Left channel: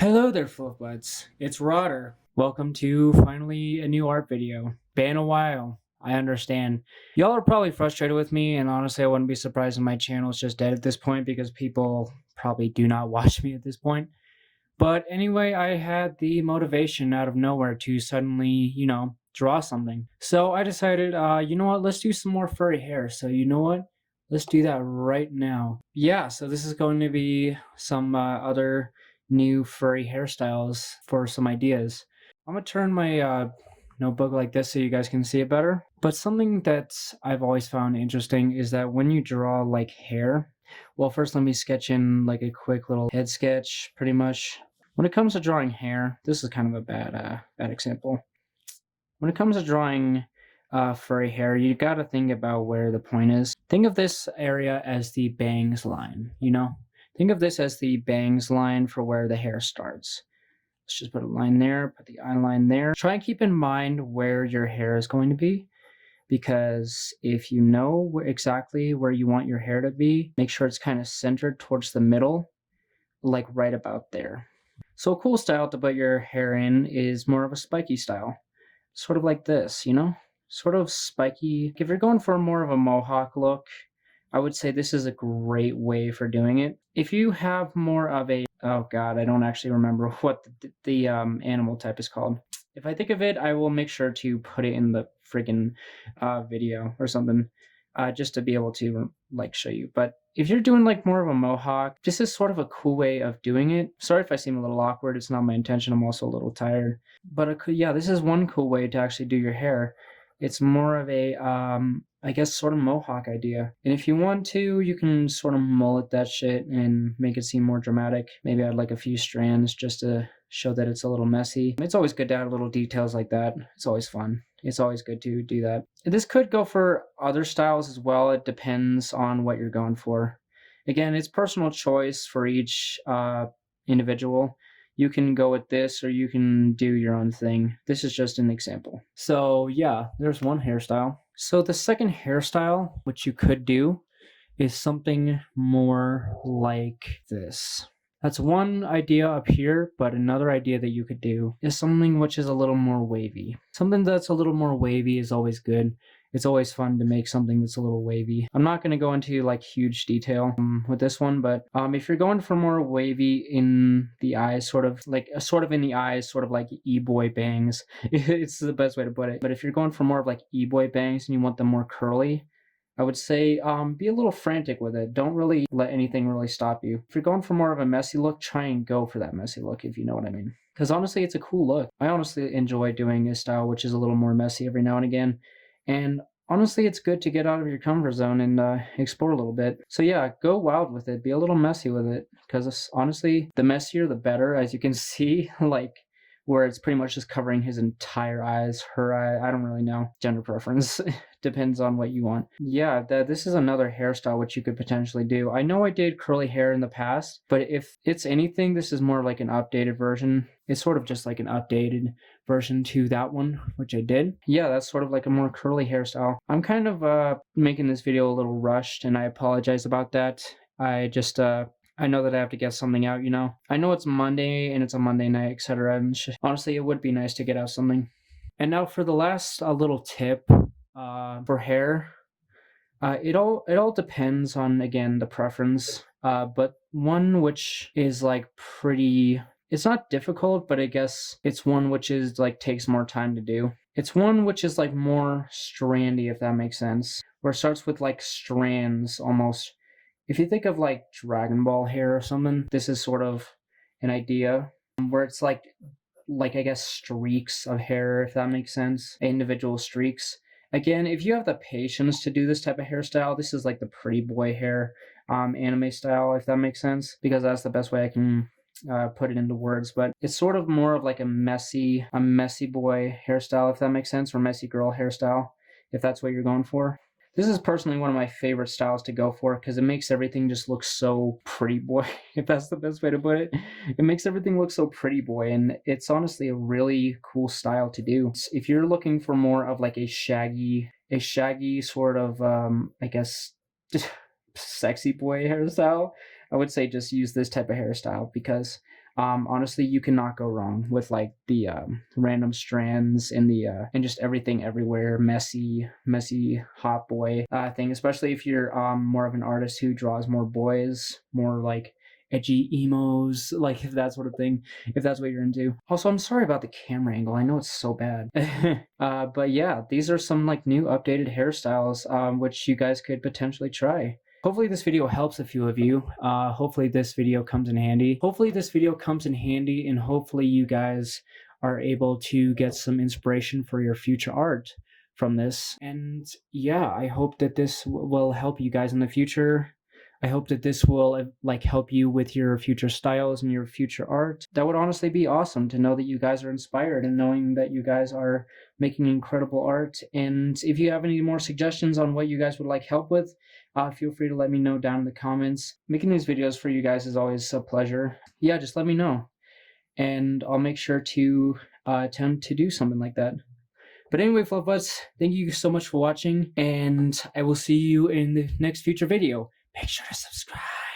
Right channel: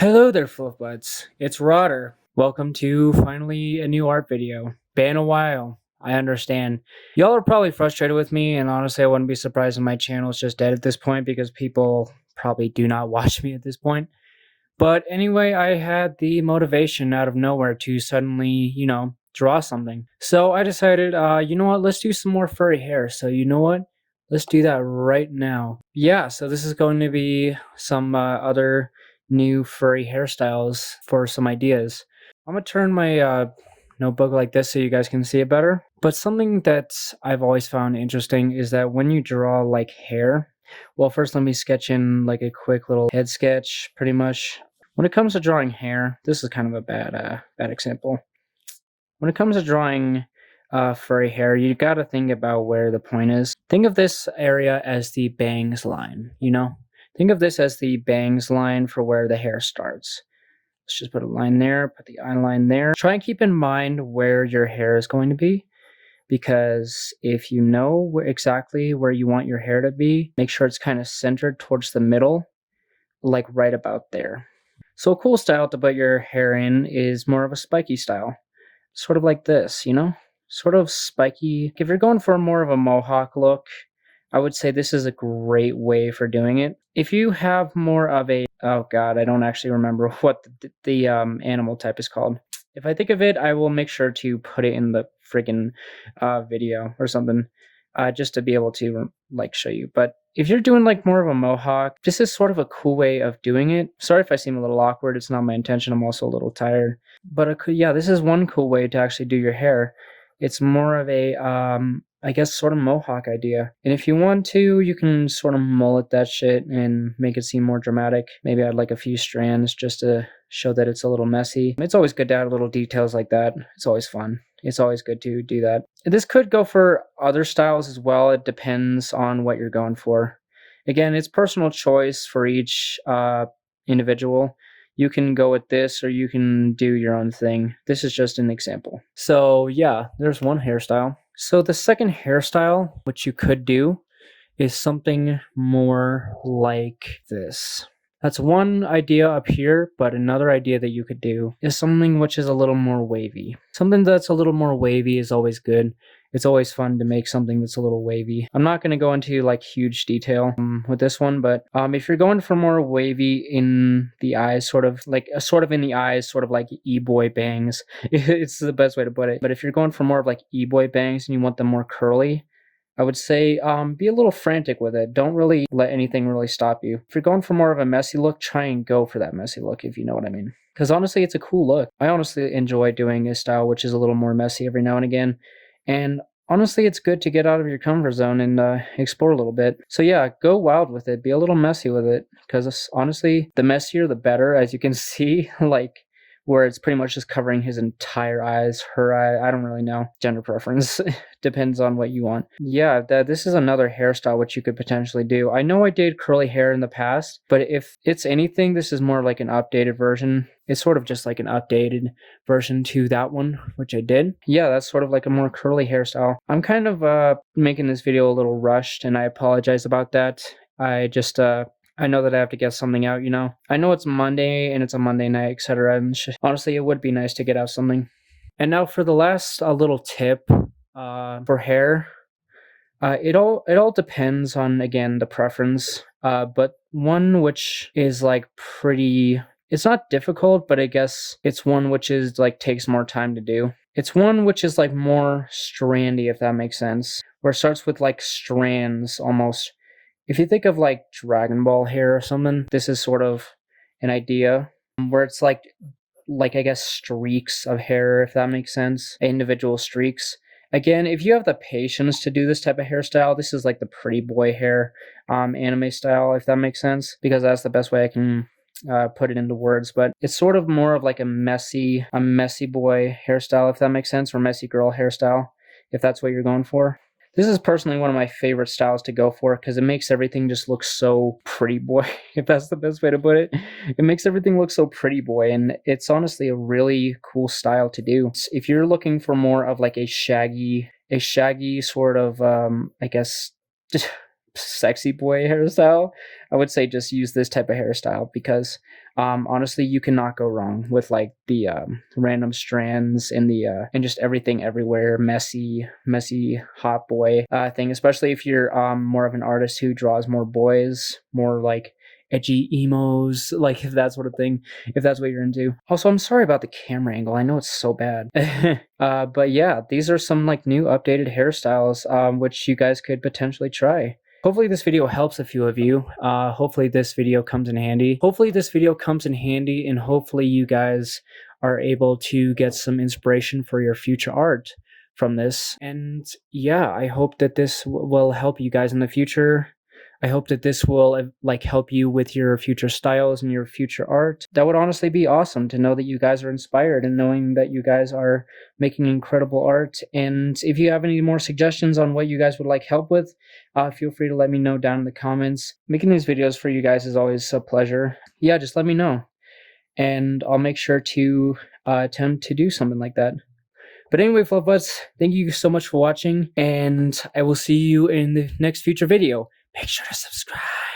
Hello there, Fluffbutts. It's Rodder. Welcome to finally a new art video. Been a while. I understand. Y'all are probably frustrated with me, and honestly, I wouldn't be surprised if my channel is just dead at this point because people probably do not watch me at this point. But anyway, I had the motivation out of nowhere to suddenly, draw something. So I decided, you know what, let's do some more furry hair. So you know what? Let's do that right now. Yeah, so this is going to be some other new furry hairstyles for some ideas. I'm gonna turn my notebook like this so you guys can see it better. But something that I've always found interesting is that when you draw like hair, well, first let me sketch in like a quick little head sketch, pretty much. When it comes to drawing hair, this is kind of a bad example. When it comes to drawing furry hair, you gotta think about where the point is. Think of this area as the bangs line, Think of this as the bangs line for where the hair starts. Let's just put a line there, put the eye line there. Try and keep in mind where your hair is going to be, because if you know exactly where you want your hair to be, make sure it's kind of centered towards the middle, like right about there. So a cool style to put your hair in is more of a spiky style. Sort of like this, Sort of spiky. If you're going for more of a mohawk look, I would say this is a great way for doing it. If you have more of a, oh god, I don't actually remember what the animal type is called. If I think of it, I will make sure to put it in the freaking video or something, just to be able to like show you. But if you're doing like more of a mohawk, this is sort of a cool way of doing it. Sorry if I seem a little awkward. It's not my intention. I'm also a little tired. But yeah, this is one cool way to actually do your hair. It's more of a, I guess, sort of mohawk idea. And if you want to, you can sort of mullet that shit and make it seem more dramatic. Maybe add like a few strands just to show that it's a little messy. It's always good to add little details like that. It's always fun. It's always good to do that. This could go for other styles as well. It depends on what you're going for. Again, it's personal choice for each individual. You can go with this or you can do your own thing. This is just an example. So yeah, there's one hairstyle. So the second hairstyle, which you could do, is something more like this. That's one idea up here, but another idea that you could do is something which is a little more wavy. Something that's a little more wavy is always good. It's always fun to make something that's a little wavy. I'm not going to go into like huge detail with this one, but if you're going for more wavy in the eyes, sort of in the eyes, sort of like e-boy bangs, it's the best way to put it. But if you're going for more of like e-boy bangs and you want them more curly, I would say be a little frantic with it. Don't really let anything really stop you. If you're going for more of a messy look, try and go for that messy look, if you know what I mean. Because honestly, it's a cool look. I honestly enjoy doing a style which is a little more messy every now and again. And honestly, it's good to get out of your comfort zone and explore a little bit. So yeah, go wild with it. Be a little messy with it. Because honestly, the messier, the better. As you can see, like, where it's pretty much just covering his entire eyes, her eye, I don't really know. Gender preference. Depends on what you want. Yeah, this is another hairstyle which you could potentially do. I know I did curly hair in the past, but if it's anything, this is more like an updated version. It's sort of just like an updated version to that one, which I did. Yeah, that's sort of like a more curly hairstyle. I'm kind of making this video a little rushed, and I apologize about that. I know that I have to get something out, I know it's Monday and it's a Monday night, etc. And honestly, it would be nice to get out something. And now for the last little tip for hair. It all depends on, again, the preference. But one which is like pretty, it's not difficult, but I guess it's one which is like takes more time to do. It's one which is like more strandy, if that makes sense. Where it starts with like strands almost. If you think of like Dragon Ball hair or something, this is sort of an idea where it's like I guess streaks of hair, if that makes sense, individual streaks. Again, if you have the patience to do this type of hairstyle, this is like the pretty boy hair anime style, if that makes sense, because that's the best way I can put it into words. But it's sort of more of like a messy boy hairstyle, if that makes sense, or messy girl hairstyle, if that's what you're going for. This is personally one of my favorite styles to go for because it makes everything just look so pretty boy, if that's the best way to put it. It makes everything look so pretty boy, and it's honestly a really cool style to do. If you're looking for more of like a shaggy sort of, I guess, just sexy boy hairstyle, I would say just use this type of hairstyle because Honestly, you cannot go wrong with like the random strands and the and just everything everywhere, messy hot boy thing. Especially if you're more of an artist who draws more boys, more like edgy emos, like if that sort of thing, if that's what you're into. Also, I'm sorry about the camera angle. I know it's so bad. But yeah, these are some like new updated hairstyles, which you guys could potentially try. Hopefully this video helps a few of you. Hopefully this video comes in handy. And hopefully you guys are able to get some inspiration for your future art from this. And yeah, I hope that this will help you guys in the future. I hope that this will like help you with your future styles and your future art. That would honestly be awesome to know that you guys are inspired and knowing that you guys are making incredible art. And if you have any more suggestions on what you guys would like help with, feel free to let me know down in the comments. Making these videos for you guys is always a pleasure. Yeah, just let me know. And I'll make sure to attempt to do something like that. But anyway, Fluffbutts, thank you so much for watching, and I will see you in the next future video. Make sure to subscribe.